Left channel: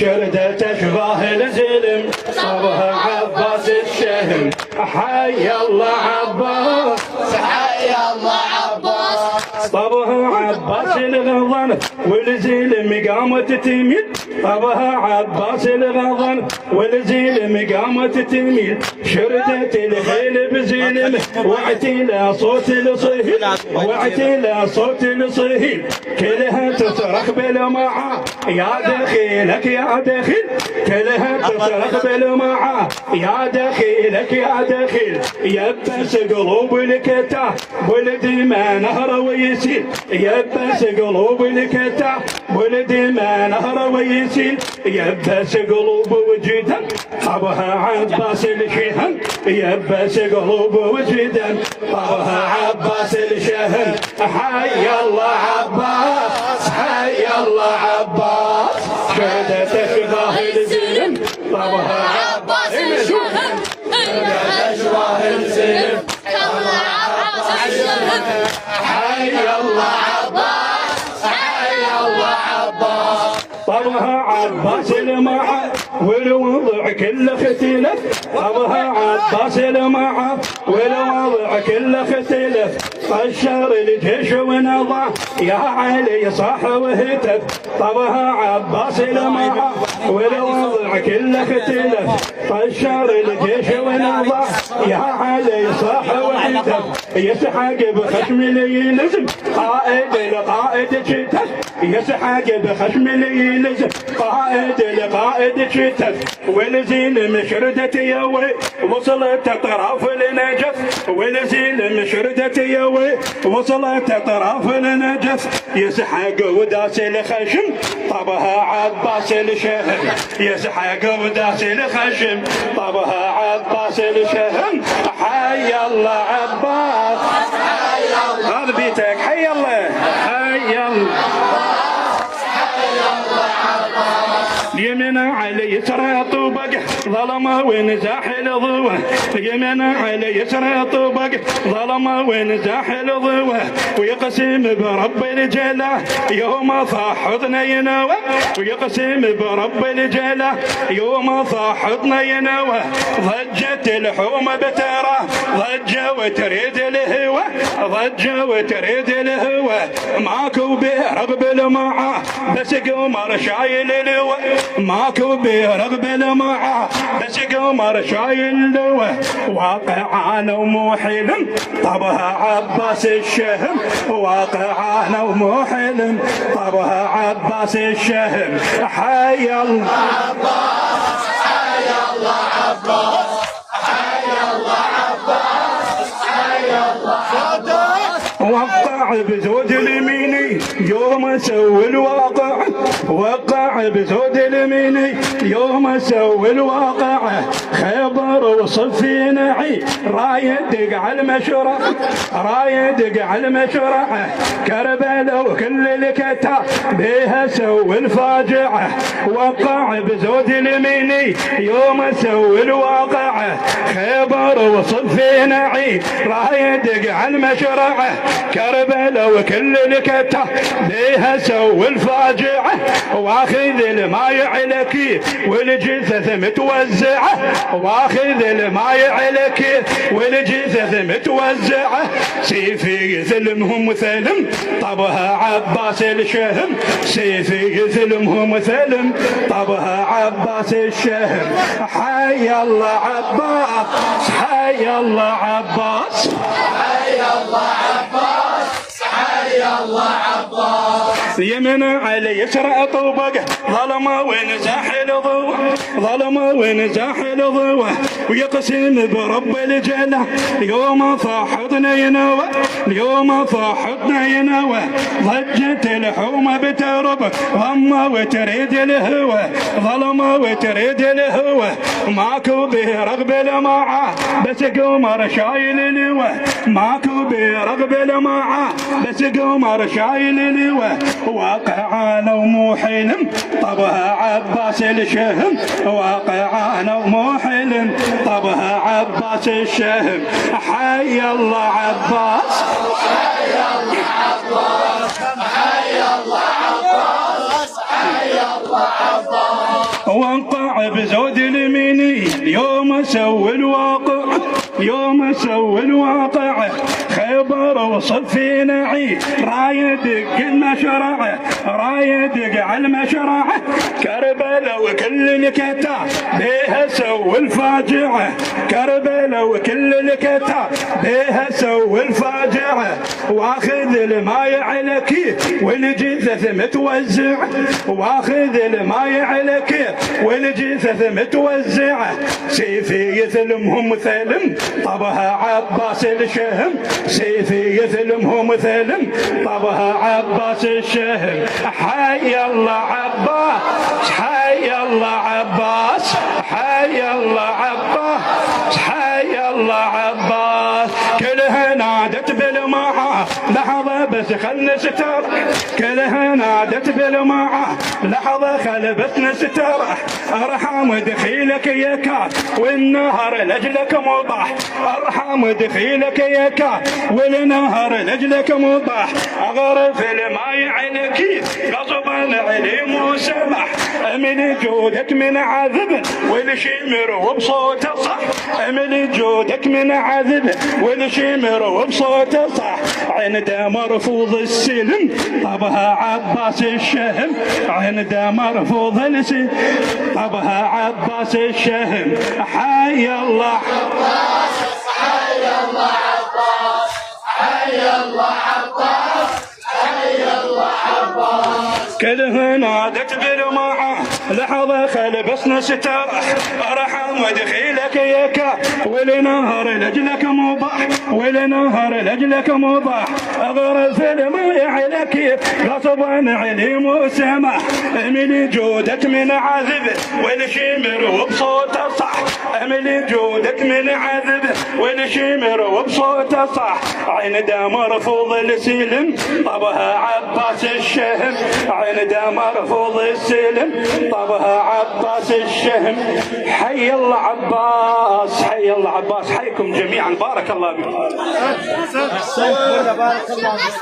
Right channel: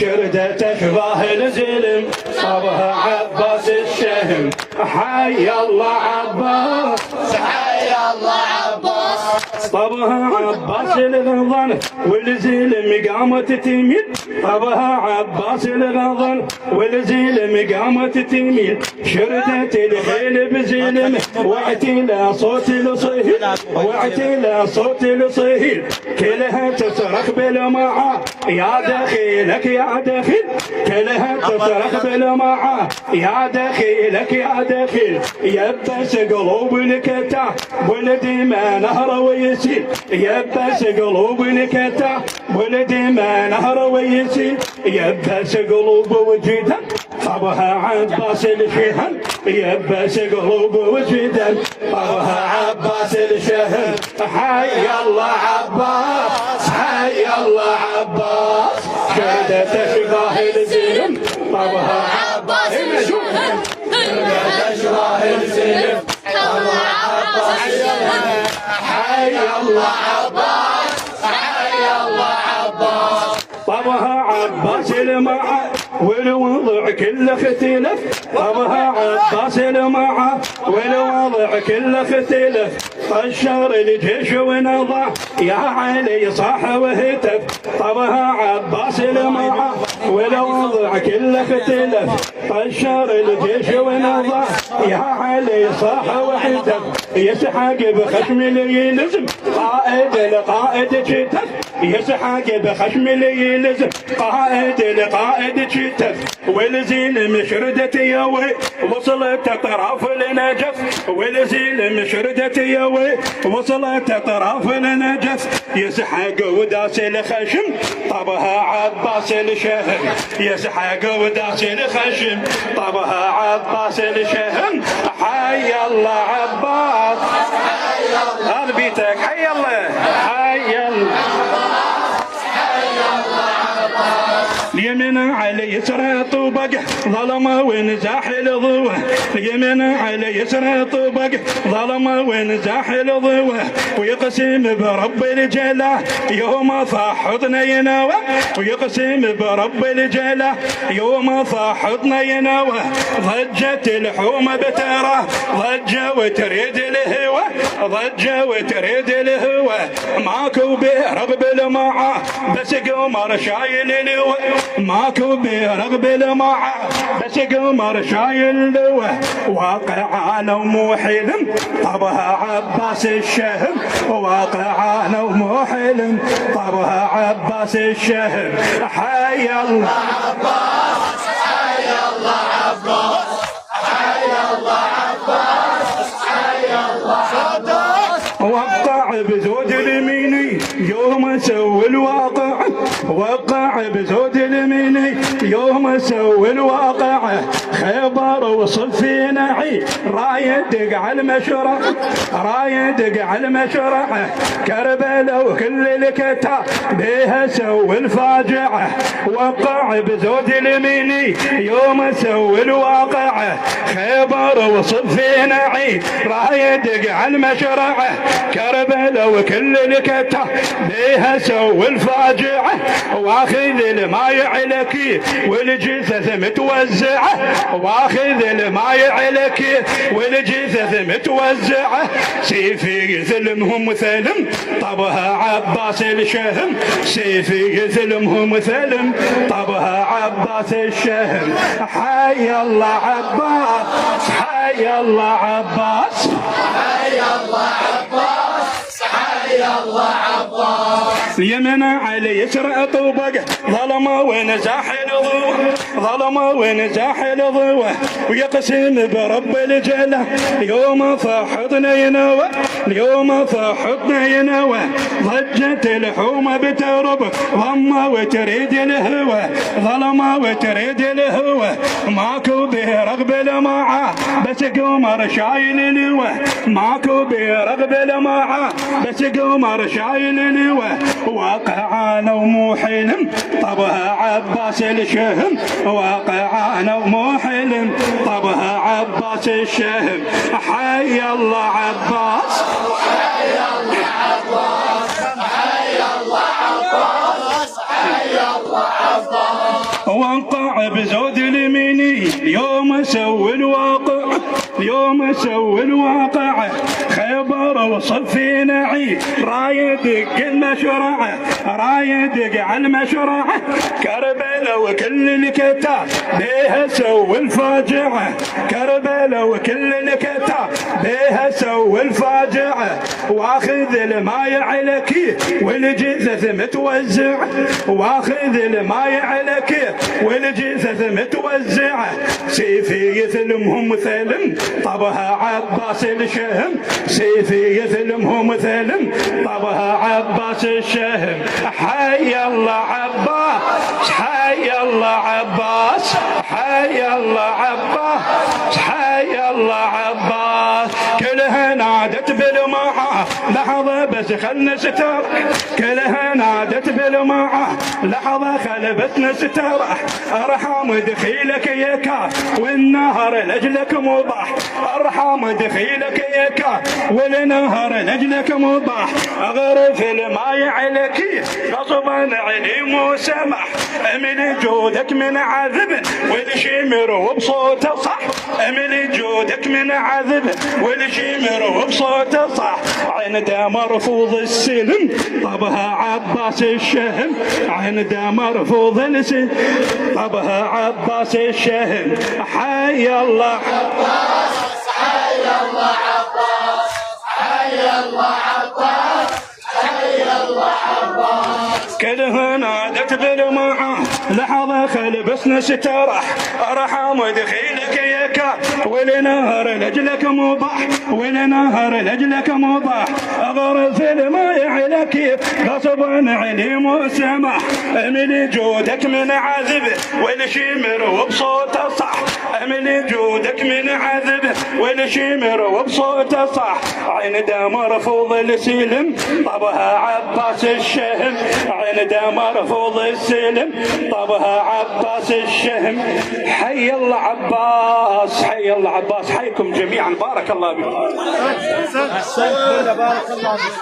شردة أشباه الزلم طبها عباس الشهم حي الله عباس حي الله عباس طبها عباس الغضن والزلم قامت تميل طبها عباس الغضن والزلم قامت تميل شردت الخيل بزلم واعتلى صوت الصهيل واعتلى صوت الصهيل كلها تصرخ بالمعا يا دخيلك يا دخيل كلها تصرخ بالمعا يا دخيلك يا دخيل يبس قلوب الكتاب ولد ما نهر ويسيل يبس قلوب الكتاب ولد ما نهر ويسيل يبس قلوب وجدا طبها عباس الشهم يبس قلوب وجدا طبها عباس الشهم حي الله عباس حي الله عباس شهدة أشباه الزلم طبها عباس الشهم أشباه الزلم طبها عباس الشهم حي الله عباس حي الله عباس طبها عباس المعا والوضع كله اختلف طبها عباس المعا والوضع كله اختلف طشر الجيش ونضع يا علي صاح وهتف طبها عباس المعا والوضع كله اختلف طشر الجيش ونضع يا علي صاح وهتف يسحق بخشم يلزم قائد القائد شتف يسحق بخشم يلزم قائد القائد شتف والزين مشردة يوي وصلت طرف النجف والزين مشردة يوي وصلت طرف النجف يسحق وداس الخشم طبها عباس الشهم يسحق وداس الخشم طبها عباس الشهم حي الله عباس حي الله هذا بيتك حي الله حي الله اليمين على يسرى طوبق ظلمه ونزاح الضوء اليمين على يسرى طوبق ظلمه ونزاح الضوء ويقسم برب الجلال يوم صاحتنا ينوى ويقسم برب الجلال يوم صاحتنا ينوى ضجت الحومه بترى ضجه وتريد الهوى ضجه وتريد الهوى ماكو برغب المعا بس قمر شايل الهوى ماكو برغب المعا بس قمر شايل لوه واقعانا ومو حلم طبها عباس الشهم واقعانا ومو حلم طبها عباس الشهم حي الله عباس حي الله عباس حي الله عباس حي الله عباس وقع بزود اليميني يوم سوي الواقع وقع بزود اليميني يوم سوي الواقع خيبر وصفي نعي رايدق على المشرع رايدق على المشرع كربلاء وكل الكتاب بها سوي الفاجعه وقع بزود اليميني يوم سوي الواقع خيبر وصفي نعي رايدق على المشرع كربلاء وكل الكتاب بها سوي الفاجعه واخذ الماي عليك والجثث متوزعه واخذ الماي عليك والجثث متوزعه سيفي ظلمهم ثلم طبها عباس الشهم سيفي ظلمهم ثلم طبها عباس الشهم حي الله عباس حي الله عباس حي الله عباس حي الله عباس يمن على يسرى طوبق ظلمه ونزاح الضوء ظلمه ونزاح الضوء ويقسم برب الجلال يوم صاحتنا ينوى اليوم صاحتنا ينوى ضجت الحومه بترب ضمه وتريد الهوى ظلمه وتريد الهوى ماكو برغب المعا بس قمر شايل الهوى ماكو برغب المعا بس قمر شايل الهوى واقعانا ومو حلم طبها عباس الشهم واقعانا ومو حلم طبها عباس الشهم حي الله عباس حي الله عباس حي الله عباس حي الله عباس وانقع بزود اليميني يوم سوي الواقع يوم سوي الواقع خيبر وصفي نعي رايدق المشرع رايدق على المشرع كربلاء وكل الكتاب بيها سوي الفاجعة كربلاء وكل الكتاب بيها سوي الفاجعة واخذ الماي على كيف والجثث متوزع واخذ الماي على كيف والجثث متوزعة سيفي يثلمهم ثلم طبها عباس الشهم سيفي يثلمهم ثلم طبها عباس الشهم حي الله عباس حي الله عباس حي الله عباس حي الله عباس كلها نادت بالمعة لحظة بس خل نسترح كلها نادت بالمعة لحظة خل بس نسترح ارحم دخيلك يا كاف والنهر لاجلك مضح ارحم دخيلك يا كاف والنهر لاجلك مضح اغرف الماي على كيف غصبا عليم وسمح امل جودك من عذب والشمر وبصوت صح امل جودك من عذب والشمر وبصوت صح عنده مرفوض السلم طبها عباس الشهم عنده مرفوض السلم طبها عباس الشهم حي الله عباس حي الله عباس حي الله عباس حي الله عباس كله نادت بالمعة لحظة خل بس نسترح ارحم دخيلك يا كاف ولنهر لاجلك مباح ولنهر لاجلك مباح اغرف الماء على كيف غصبا عليم وسمح امل جودك من عذب والشمر وبصوت صح امل جودك من عذب والشمر وبصوت صح عنده مرفوض السلم طبها عباس الشهم عنده مرفوض السلم طبها عباس الشهم حي الله عباس حي الله عباس حيكم جميعا بارك الله بكم بارك الله فيك